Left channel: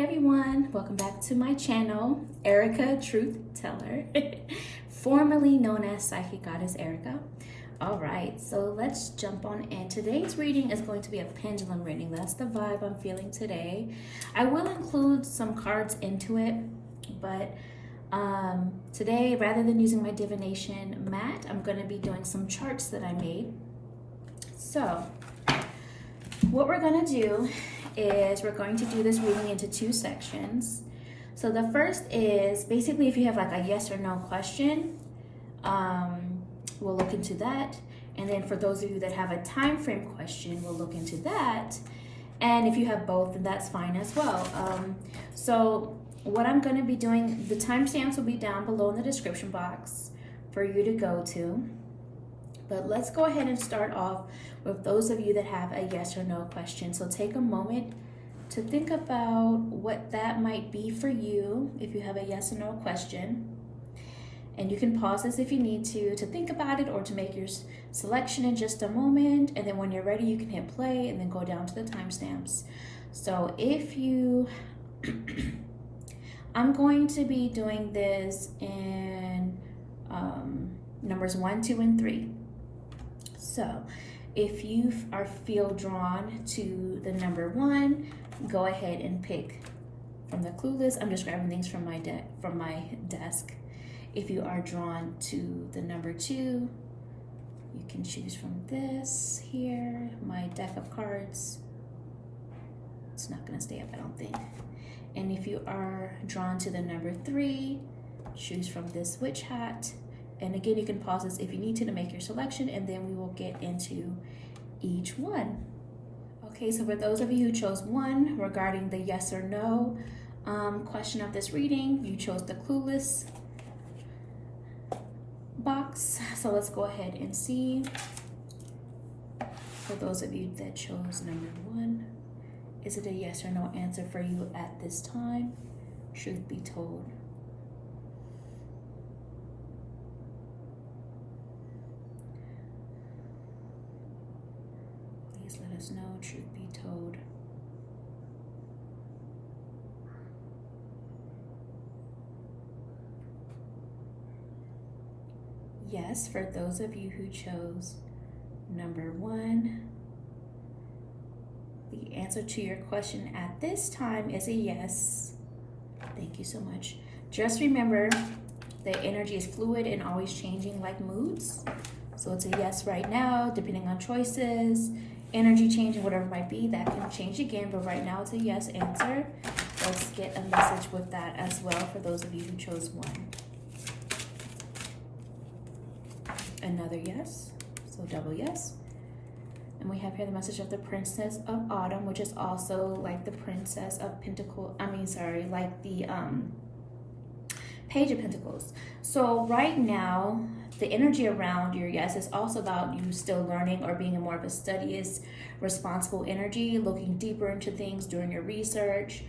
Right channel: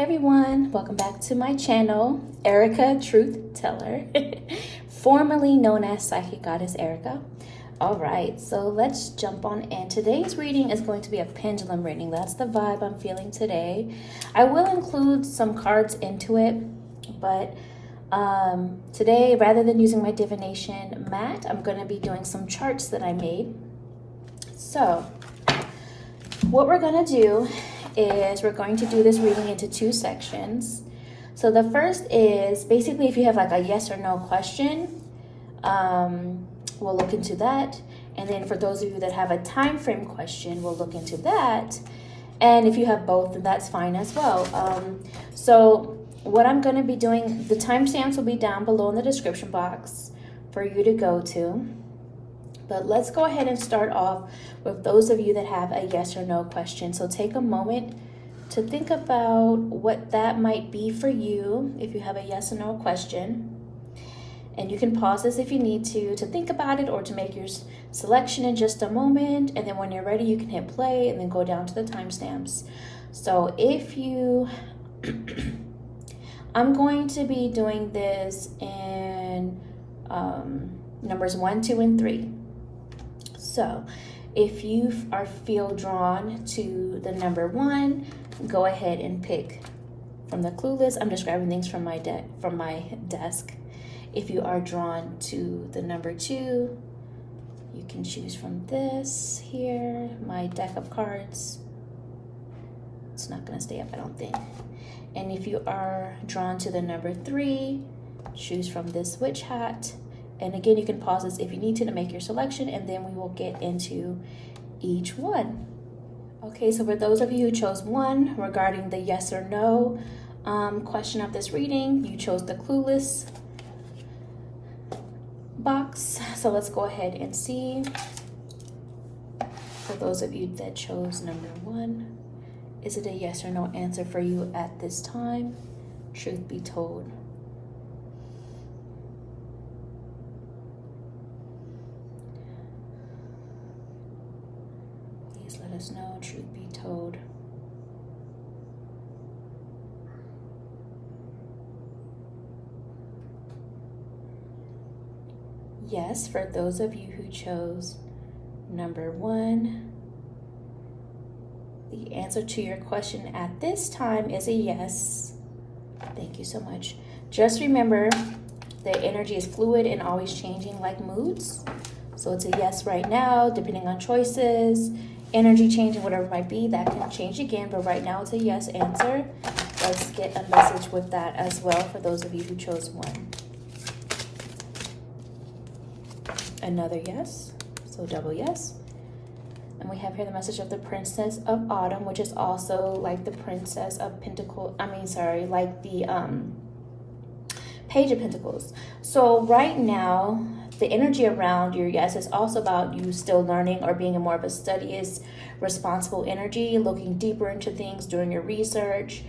everyone, welcome back to my channel, ErikaTruthTeller, formerly known as Psychic Goddess Erika. Alright, so let's jump on in. Today's reading is going to be a pendulum reading. That's the vibe I'm feeling today. I will include some cards into it, but today, rather than using my divination mat, I'm going to be doing some charts that I made. So, what we're going to do is we're going to do this reading into two sections. So the first is basically if you have like a yes or no question, we'll look into that. And then for those of you that have a time frame question, we'll look into that. And if you have both, then that's fine as well. So what I'm going to be doing, the timestamps will be down below in the description box for you to go to. But let's go ahead and start off with those of you that have a yes or no question. So take a moment to think about what that might be for you if you have a yes or no question. And you can pause this if you need to think about it or to make your selection in just a moment. And then when you're ready, you can hit play and then go down to the timestamps. So if you, I'm going to be doing this in numbers 1, 2, and 3. So if you feel drawn to the number 1, go ahead and pick from the clue list. I'm just grabbing things from my desk. If you are drawn to the number 2, you can choose from this here, my deck of cards. It's not going to stay up, I don't think. And if you are drawn to the number 3, choose from this witch hat. And again, you can pause this if you need to make your selection, and then we will get into each one. Okay, so for those of you who chose 1 regarding the yes or no question of this reading, you chose the clueless box. So let's go ahead and see. For those of you that chose number 1, is it a yes or no answer for you at this time? Truth be told. No, truth be told. Yes, for those of you who chose number 1, the answer to your question at this time is a yes. Thank you so much. Just remember, the energy is fluid and always changing like moods. So it's a yes right now, depending on choices. Energy changing, whatever it might be, that can change again, but right now it's a yes answer. Let's get a message with that as well for those of you who chose 1. Another yes, so double yes. And we have here the message of the Princess of Autumn, which is also like the Princess of Pentacles, like the Page of Pentacles. So right now, the energy around your yes is also about you still learning or being in more of a studious, responsible energy, looking deeper into things, doing your research.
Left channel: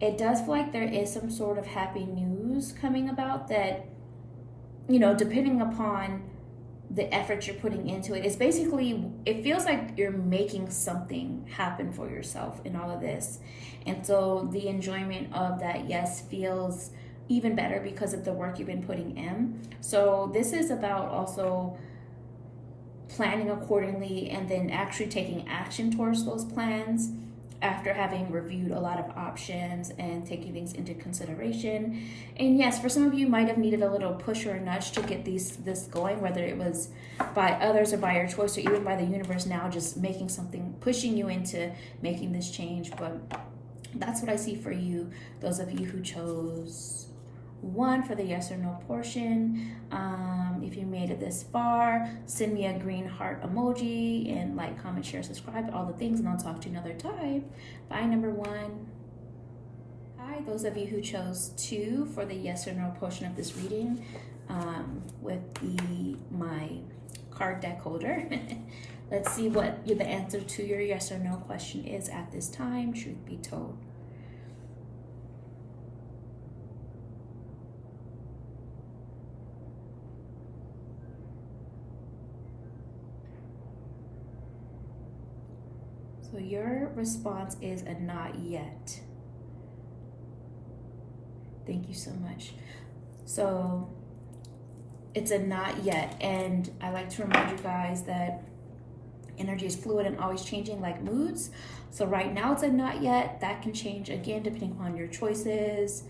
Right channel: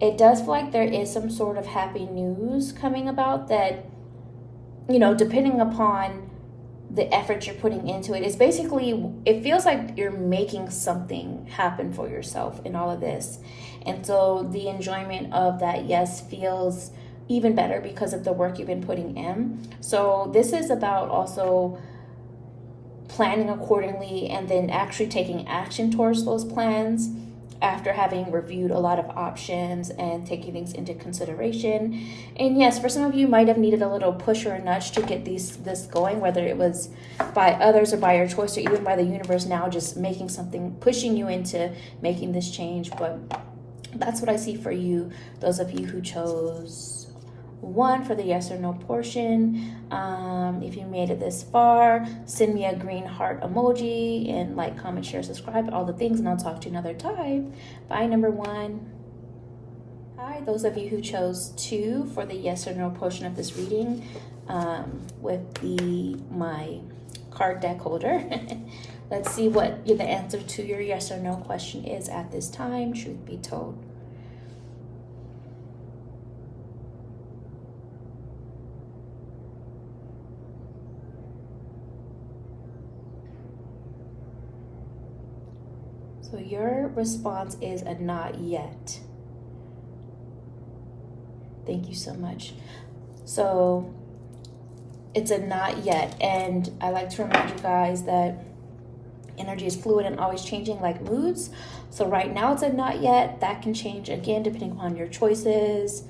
It does feel like there is some sort of happy news coming about that, you know, depending upon the effort you're putting into it. It's basically, it feels like you're making something happen for yourself in all of this. And so the enjoyment of that yes feels even better because of the work you've been putting in. So this is about also planning accordingly and then actually taking action towards those plans after having reviewed a lot of options and taking things into consideration. And yes, for some of you might have needed a little push or a nudge to get this going, whether it was by others or by your choice or even by the universe now just making something, pushing you into making this change. But that's what I see for you, those of you who chose 1 for the yes or no portion. If you made it this far, send me a green heart emoji and like, comment, share, subscribe, all the things, and I'll talk to you another time. Bye, number 1. Hi, those of you who chose 2 for the yes or no portion of this reading with my card deck holder. Let's see what the answer to your yes or no question is at this time, truth be told. So your response is a not yet. Thank you so much. So it's a not yet. And I like to remind you guys that energy is fluid and always changing like moods. So right now it's a not yet. That can change again depending upon your choices,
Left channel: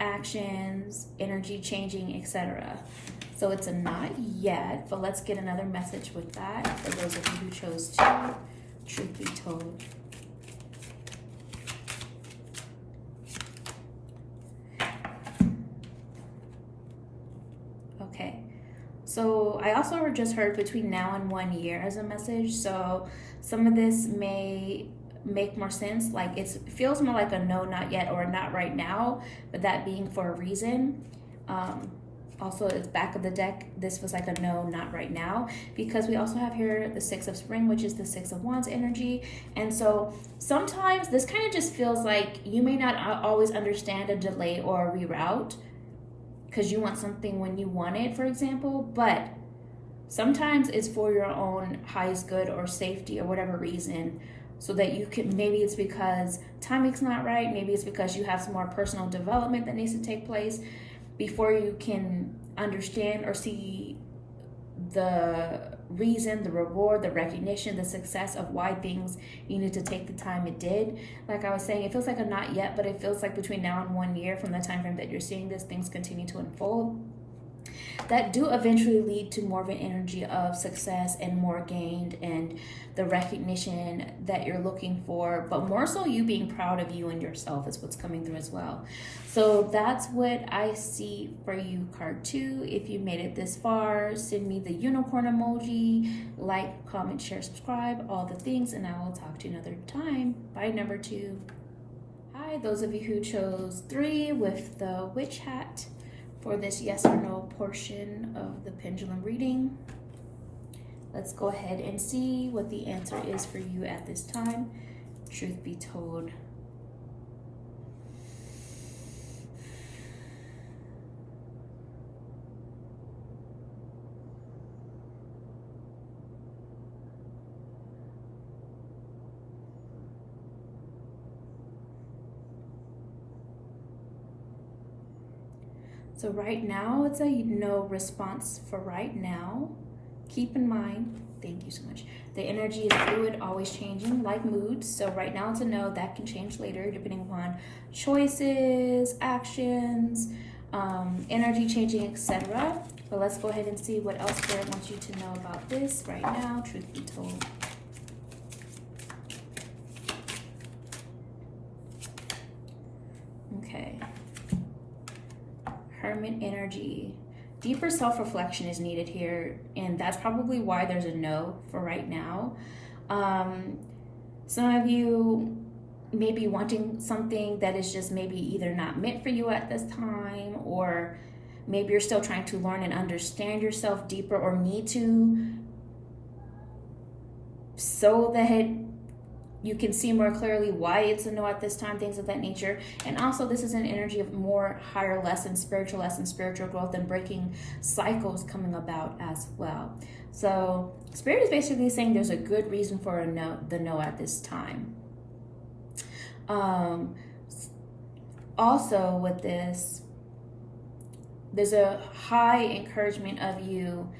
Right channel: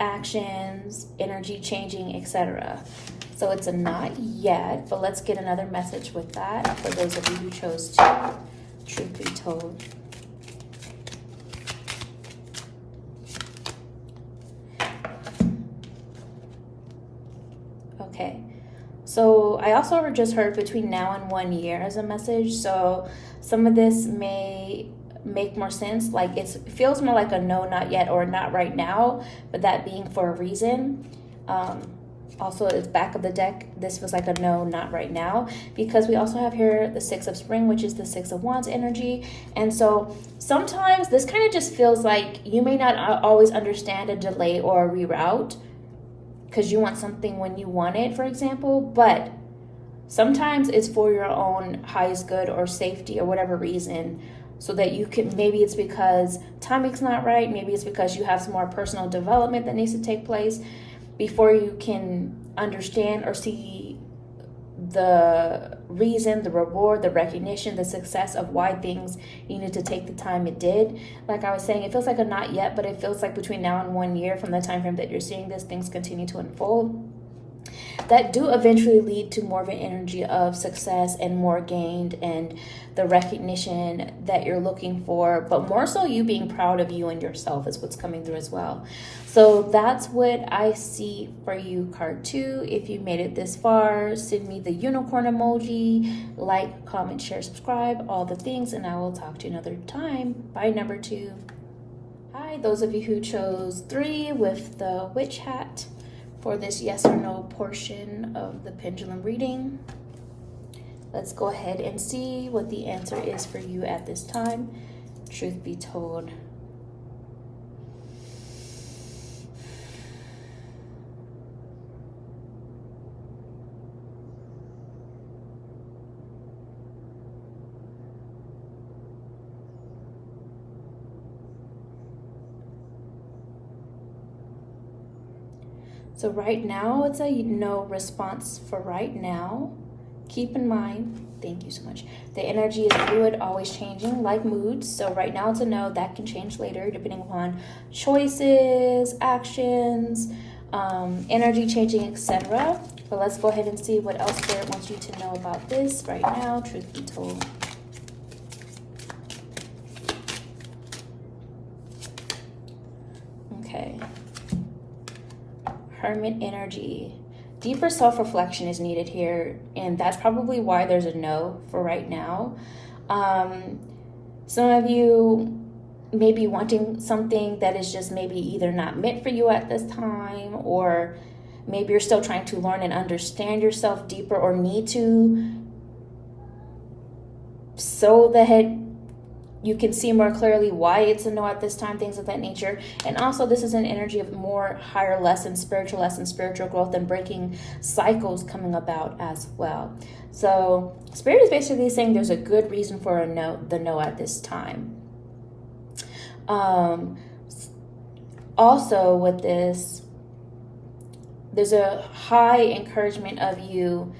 actions, energy changing, etc. So it's a not yet, but let's get another message with that for those of you who chose to. Truth be told. Okay. So I also just heard between now and 1 year as a message. So some of this may make more sense. Like it feels more like a no, not yet, or not right now, but that being for a reason. Also, it's back of the deck. This was like a no, not right now, because we also have here the Six of Spring, which is the Six of Wands energy. And so sometimes this kind of just feels like you may not always understand a delay or a reroute because you want something when you want it, for example, but sometimes it's for your own highest good or safety or whatever reason, so that you can, maybe it's because timing's not right, maybe it's because you have some more personal development that needs to take place before you can understand or see the reason, the reward, the recognition, the success of why things needed to take the time it did. Like I was saying, it feels like a not yet, but it feels like between now and 1 year from the time frame that you're seeing this, things continue to unfold that do eventually lead to more of an energy of success and more gained and the recognition that you're looking for, but more so you being proud of you and yourself is what's coming through as well. So that's what I see for you, card 2. If you made it this far, send me the unicorn emoji, like, comment, share, subscribe, all the things, and I will talk to you another time. Bye, number 2. Hi, those of you who chose 3 with the witch hat for this yes or no portion of the pendulum reading. Let's go ahead and see what the answer is for you at this time. Truth be told. So right now, it's a no response for right now. Keep in mind, thank you so much, the energy is fluid, always changing, like moods. So right now it's a no. That can change later depending upon choices, actions, energy changing, etc. But let's go ahead and see what else Spirit wants you to know about this right now, truth be told. Okay. Hermit energy. Deeper self-reflection is needed here, and that's probably why there's a no for right now. Some of you may be wanting something that is just maybe either not meant for you at this time, or maybe you're still trying to learn and understand yourself deeper, or need to, so that you can see more clearly why it's a no at this time, things of that nature. And also, this is an energy of more higher lessons, spiritual growth, and breaking cycles coming about as well. So Spirit is basically saying there's a good reason for the no at this time. Also with this, there's a high encouragement of you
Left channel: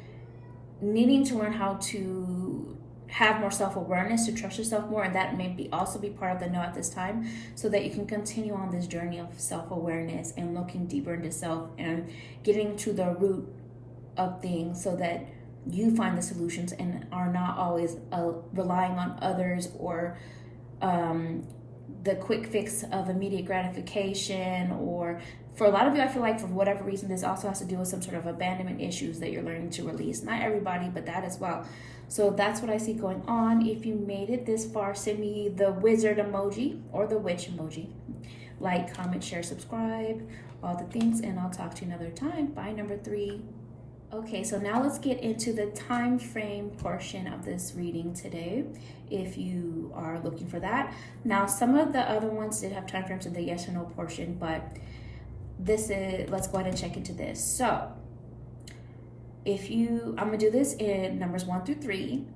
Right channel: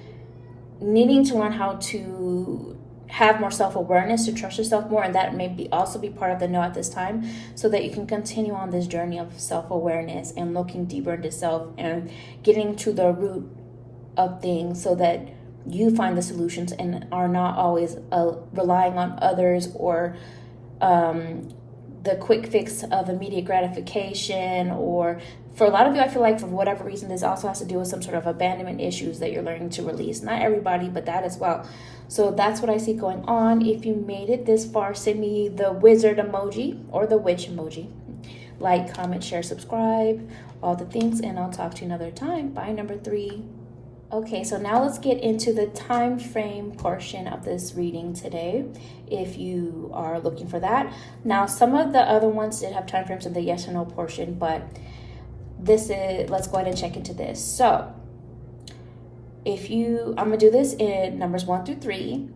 needing to learn how to have more self-awareness, to trust yourself more, and that may also be part of the no at this time, so that you can continue on this journey of self-awareness and looking deeper into self and getting to the root of things, so that you find the solutions and are not always relying on others or the quick fix of immediate gratification. Or for a lot of you, I feel like for whatever reason, this also has to do with some sort of abandonment issues that you're learning to release. Not everybody, but that as well. So that's what I see going on. If you made it this far, send me the wizard emoji or the witch emoji. Like, comment, share, subscribe, all the things, and I'll talk to you another time. Bye, number 3. Okay, so now let's get into the time frame portion of this reading today, if you are looking for that. Now, some of the other ones did have time frames in the yes or no portion, but this is, let's go ahead and check into this. So I'm gonna do this in numbers 1 through 3.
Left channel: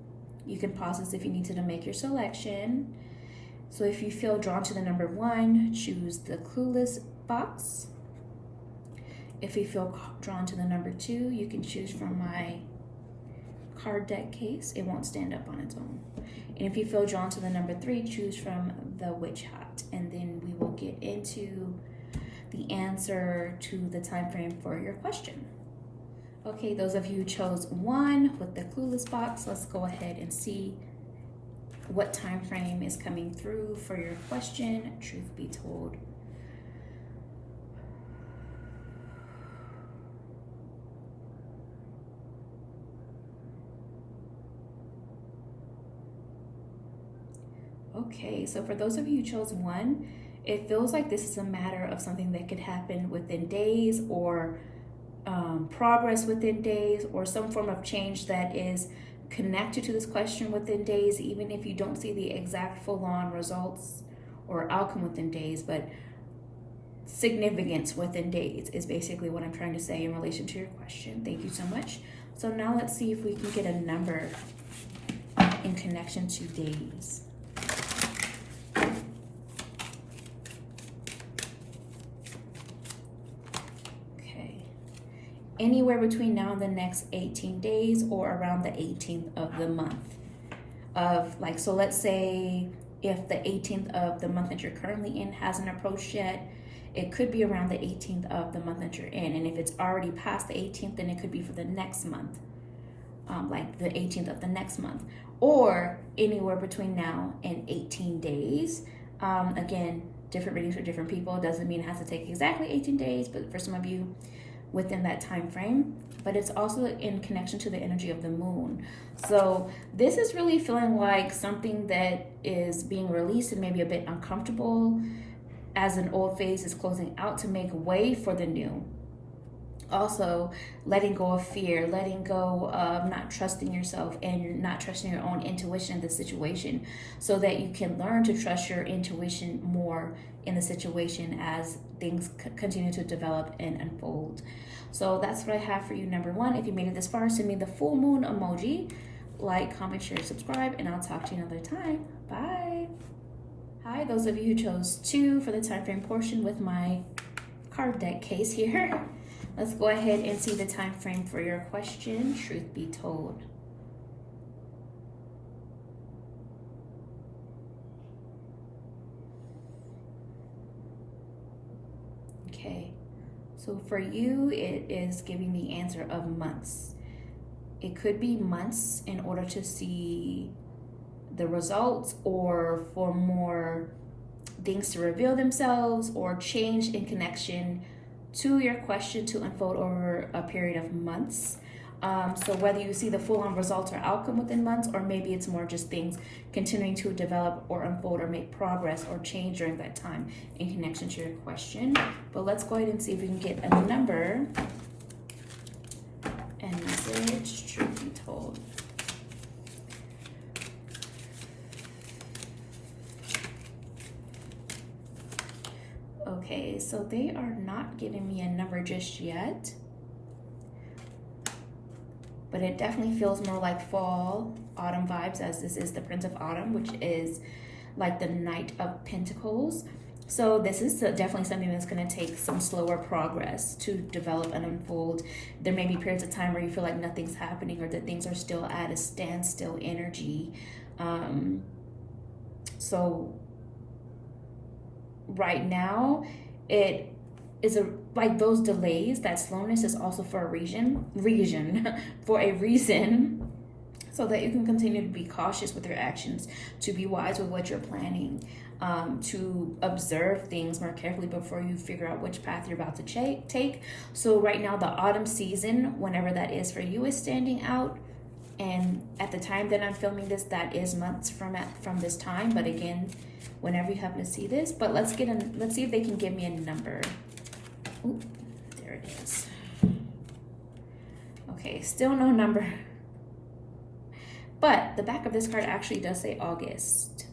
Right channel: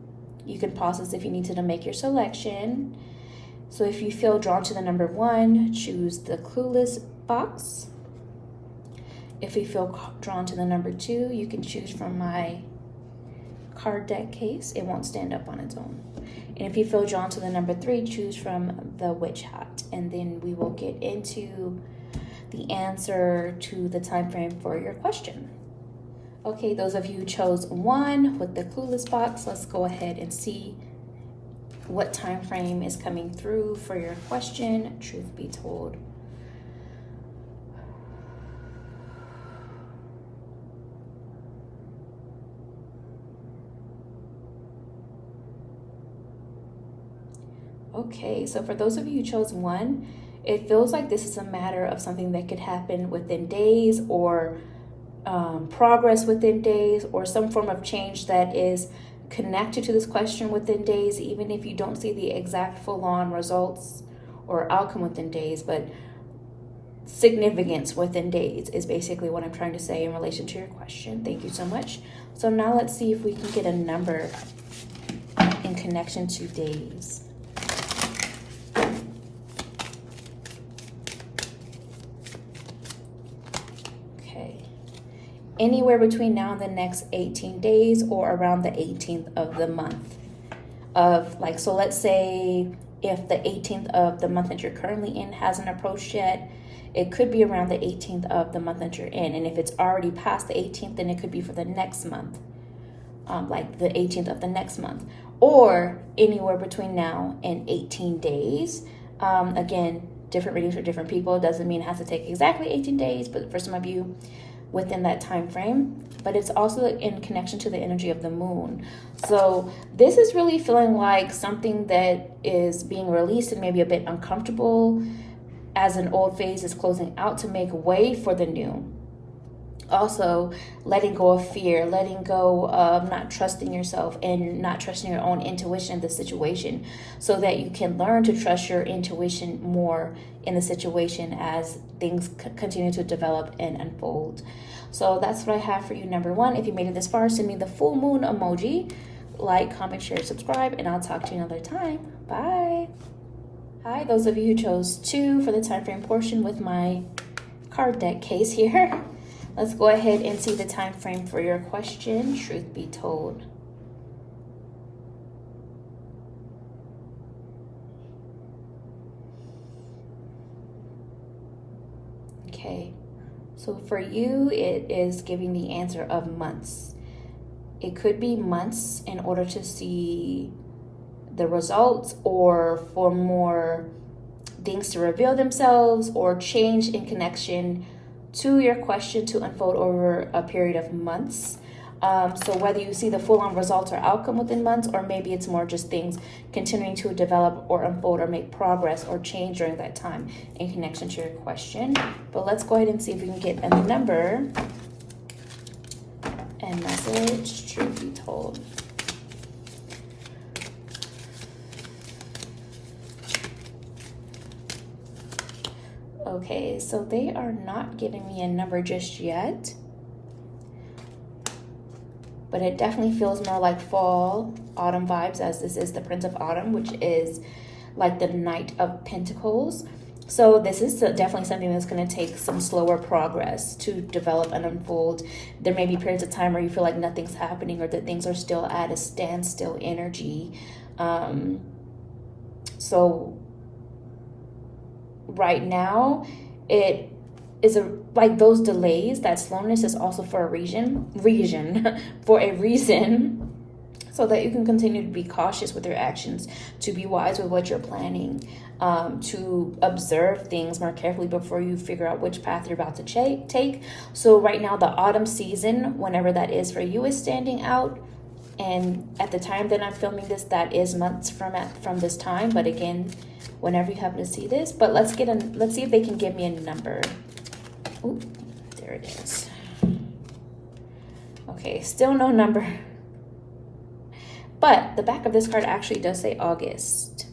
You can pause this if you need to make your selection. So if you feel drawn to the number 1, choose the clueless box. If you feel drawn to the number 2, you can choose from my card deck case. It won't stand up on its own. And if you feel drawn to the number 3, choose from the witch hat. And then we will get into the answer to the time frame for your question. Okay, those of you who chose 1 with the clueless box, let's go ahead and see what time frame is coming through for your question, truth be told. Okay, so for those of you who chose 1, it feels like this is a matter of something that could happen within days, or progress within days, or some form of change that is connected to this question within days, even if you don't see the exact full-on results or outcome within days, but significance within days is basically what I'm trying to say in relation to your question. Thank you so much. So now let's see if we can get a number in connection to days. Anywhere between now and the next 18 days, or around the 18th of the month of, like, so let's say if the 18th of the month that you're currently in hasn't approached yet, it could be around the 18th of the month that you're in. And if it's already past the 18th, then it could be for the next month, like the 18th of the next month, or anywhere between now and 18 days. Again, different readings for different people. Doesn't mean it has to take exactly 18 days, but for some of you, within that time frame. But it's also in connection to the energy of the moon. So this is really feeling like something that is being released and maybe a bit uncomfortable, as an old phase is closing out to make way for the new. Also, letting go of fear, letting go of not trusting yourself and not trusting your own intuition in the situation, so that you can learn to trust your intuition more in the situation as things continue to develop and unfold. So that's what I have for you, number 1. If you made it this far, send me the full moon emoji, like, comment, share, subscribe, and I'll talk to you another time. Bye. Hi, those of you who chose 2 for the time frame portion with my card deck case here. Let's go ahead and see the time frame for your question, truth be told. Okay, so for you, it is giving the answer of months. It could be months in order to see the results, or for more things to reveal themselves or change in connection to your question to unfold over a period of months. So whether you see the full-on results or outcome within months, or maybe it's more just things continuing to develop or unfold or make progress or change during that time in connection to your question. But let's go ahead and see if we can get a number and message, truth be told. Okay, so they are not giving me a number just yet, but it definitely feels more like fall, autumn vibes, as this is the Prince of Autumn, which is like the Knight of Pentacles. So this is definitely something that's going to take some slower progress to develop and unfold. There may be periods of time where you feel like nothing's happening, or that things are still at a standstill energy. So right now, it is like those delays, that slowness is also for a reason, for a reason, so that you can continue to be cautious with your actions, to be wise with what you're planning, to observe things more carefully before you figure out which path you're about to take. So right now, the autumn season, whenever that is for you, is standing out. And at the time that I'm filming this, that is months from this time. But again, whenever you happen to see this, but let's see if they can give me a number. Ooh, there it is. Okay, still no number. But the back of this card actually does say August.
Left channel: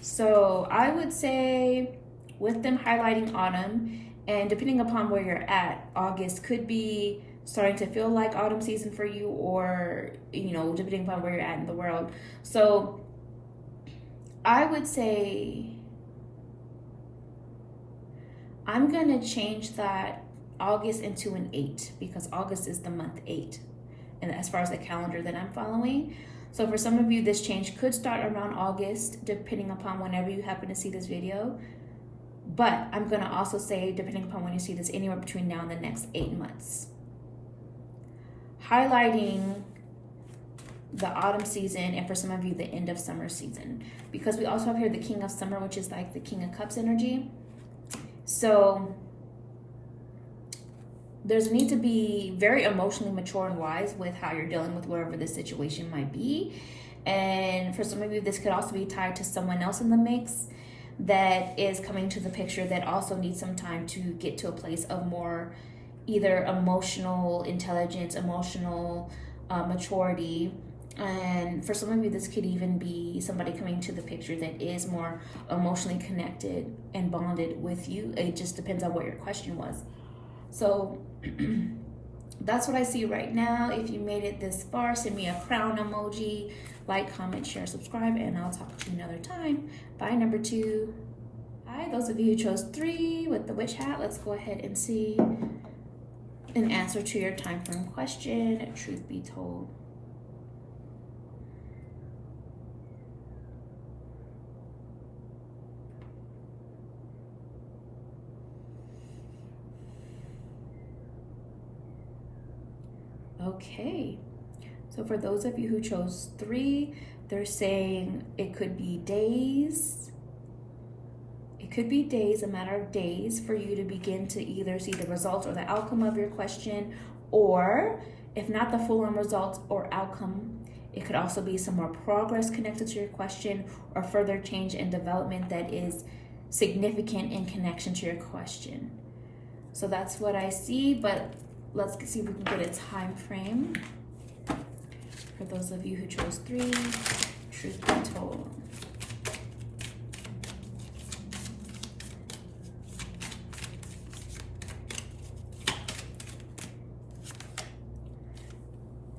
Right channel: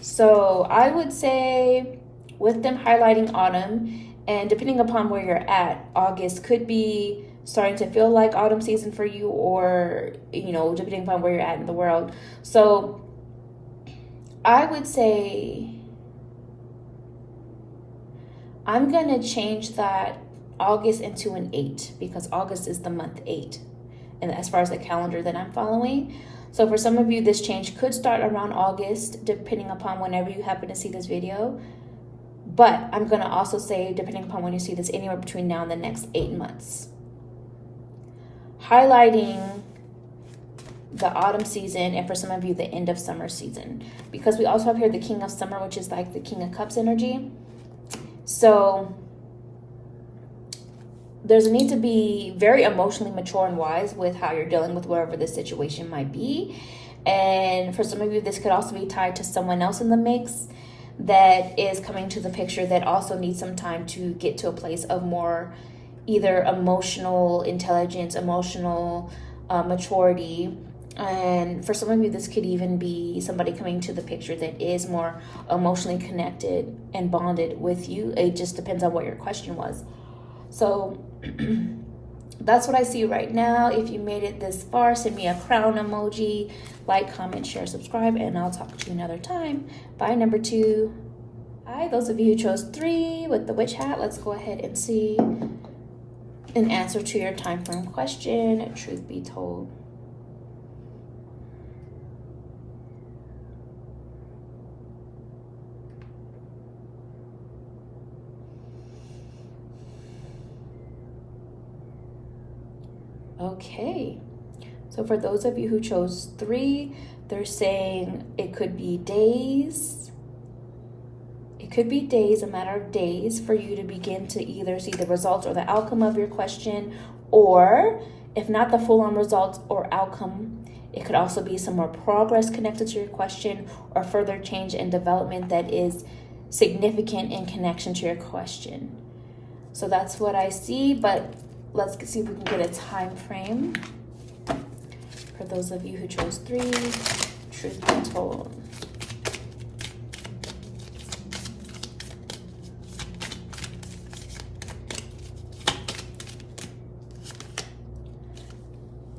So I would say, with them highlighting autumn, and depending upon where you're at, August could be starting to feel like autumn season for you, or, you know, depending upon where you're at in the world. So I would say I'm going to change that August into an 8 because August is the month 8. And as far as the calendar that I'm following. So for some of you, this change could start around August, depending upon whenever you happen to see this video. But I'm going to also say, depending upon when you see this, anywhere between now and the next 8 months. Highlighting the autumn season, and for some of you, the end of summer season. Because we also have here the King of Summer, which is like the King of Cups energy. So there's a need to be very emotionally mature and wise with how you're dealing with whatever this situation might be. And for some of you, this could also be tied to someone else in the mix that is coming to the picture that also needs some time to get to a place of more either emotional intelligence, emotional maturity. And for some of you, this could even be somebody coming to the picture that is more emotionally connected and bonded with you. It just depends on what your question was. So that's what I see right now. If you made it this far, send me a crown emoji, like, comment, share, subscribe, and I'll talk to you another time. Bye, number 2. Hi, those of you who chose 3 with the witch hat, let's go ahead and see an answer to your time frame question, truth be told. Okay, so for those of you who chose 3, they're saying it could be days. It could be days, a matter of days, for you to begin to either see the results or the outcome of your question, or if not the full-on results or outcome, it could also be some more progress connected to your question or further change and development that is significant in connection to your question. So that's what I see, but let's see if we can get a time frame. For those of you who chose 3, truth be told.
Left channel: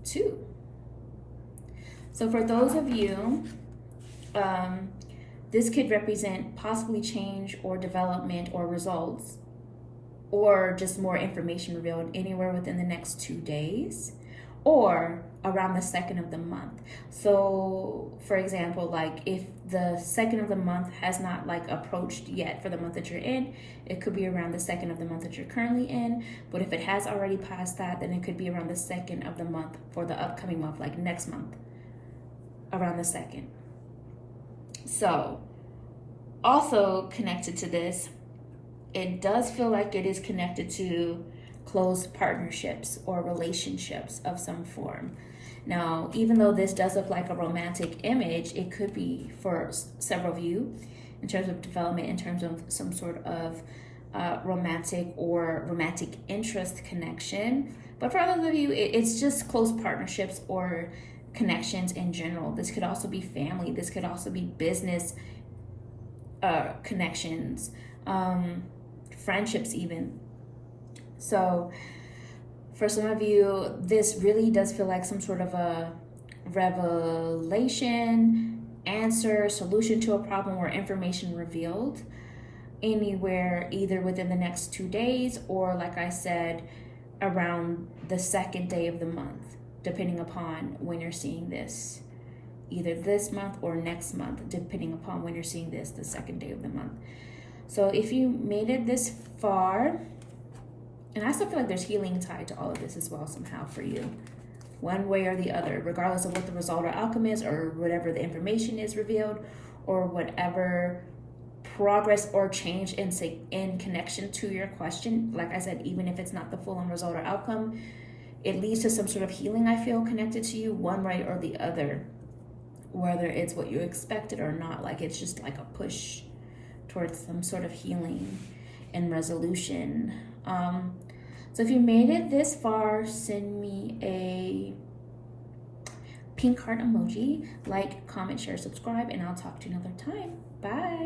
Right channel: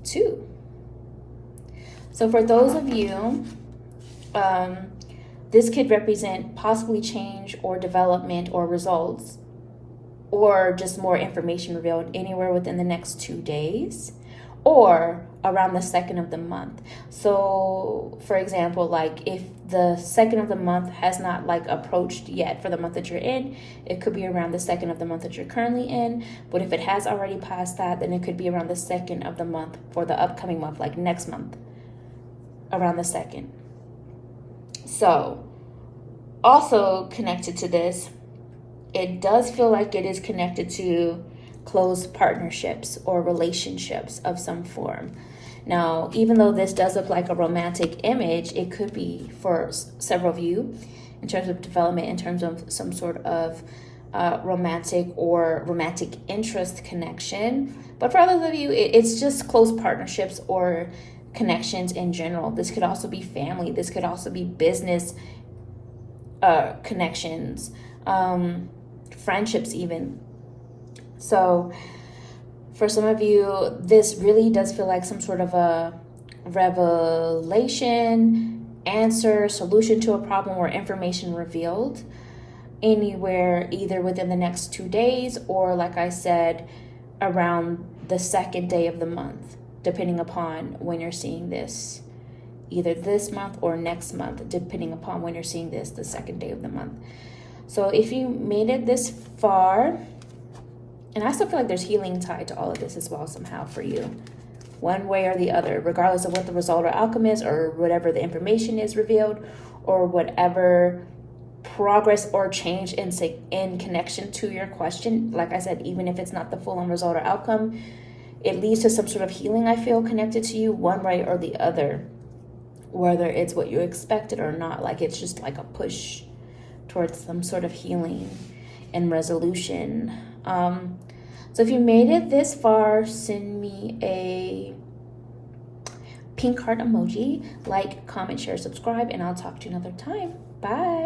Two. So for those of you, this could represent possibly change or development or results, or just more information revealed anywhere within the next 2 days or around the 2nd of the month. So for example, like if the 2nd of the month has not like approached yet for the month that you're in, it could be around the 2nd of the month that you're currently in. But if it has already passed that, then it could be around the 2nd of the month for the upcoming month, like next month, around the 2nd. So also connected to this, it does feel like it is connected to close partnerships or relationships of some form. Now, even though this does look like a romantic image, it could be for several of you in terms of development, in terms of some sort of romantic or romantic interest connection. But for others of you, it's just close partnerships or connections in general. This could also be family. This could also be business connections, friendships even. So for some of you, this really does feel like some sort of a revelation, answer, solution to a problem, or information revealed anywhere either within the next 2 days or, like I said, around the 2nd day of the month, depending upon when you're seeing this, either this month or next month, depending upon when you're seeing this, the 2nd day of the month. So if you made it this far, and I still feel like there's healing tied to all of this as well somehow for you, one way or the other, regardless of what the result or outcome is, or whatever the information is revealed, or whatever progress or change in connection to your question. Like I said, even if it's not the full-on result or outcome, it leads to some sort of healing, I feel, connected to you one way or the other, whether it's what you expected or not. Like it's just like a push towards some sort of healing and resolution. So if you made it this far, send me a pink heart emoji, like, comment, share, subscribe, and I'll talk to you another time. Bye.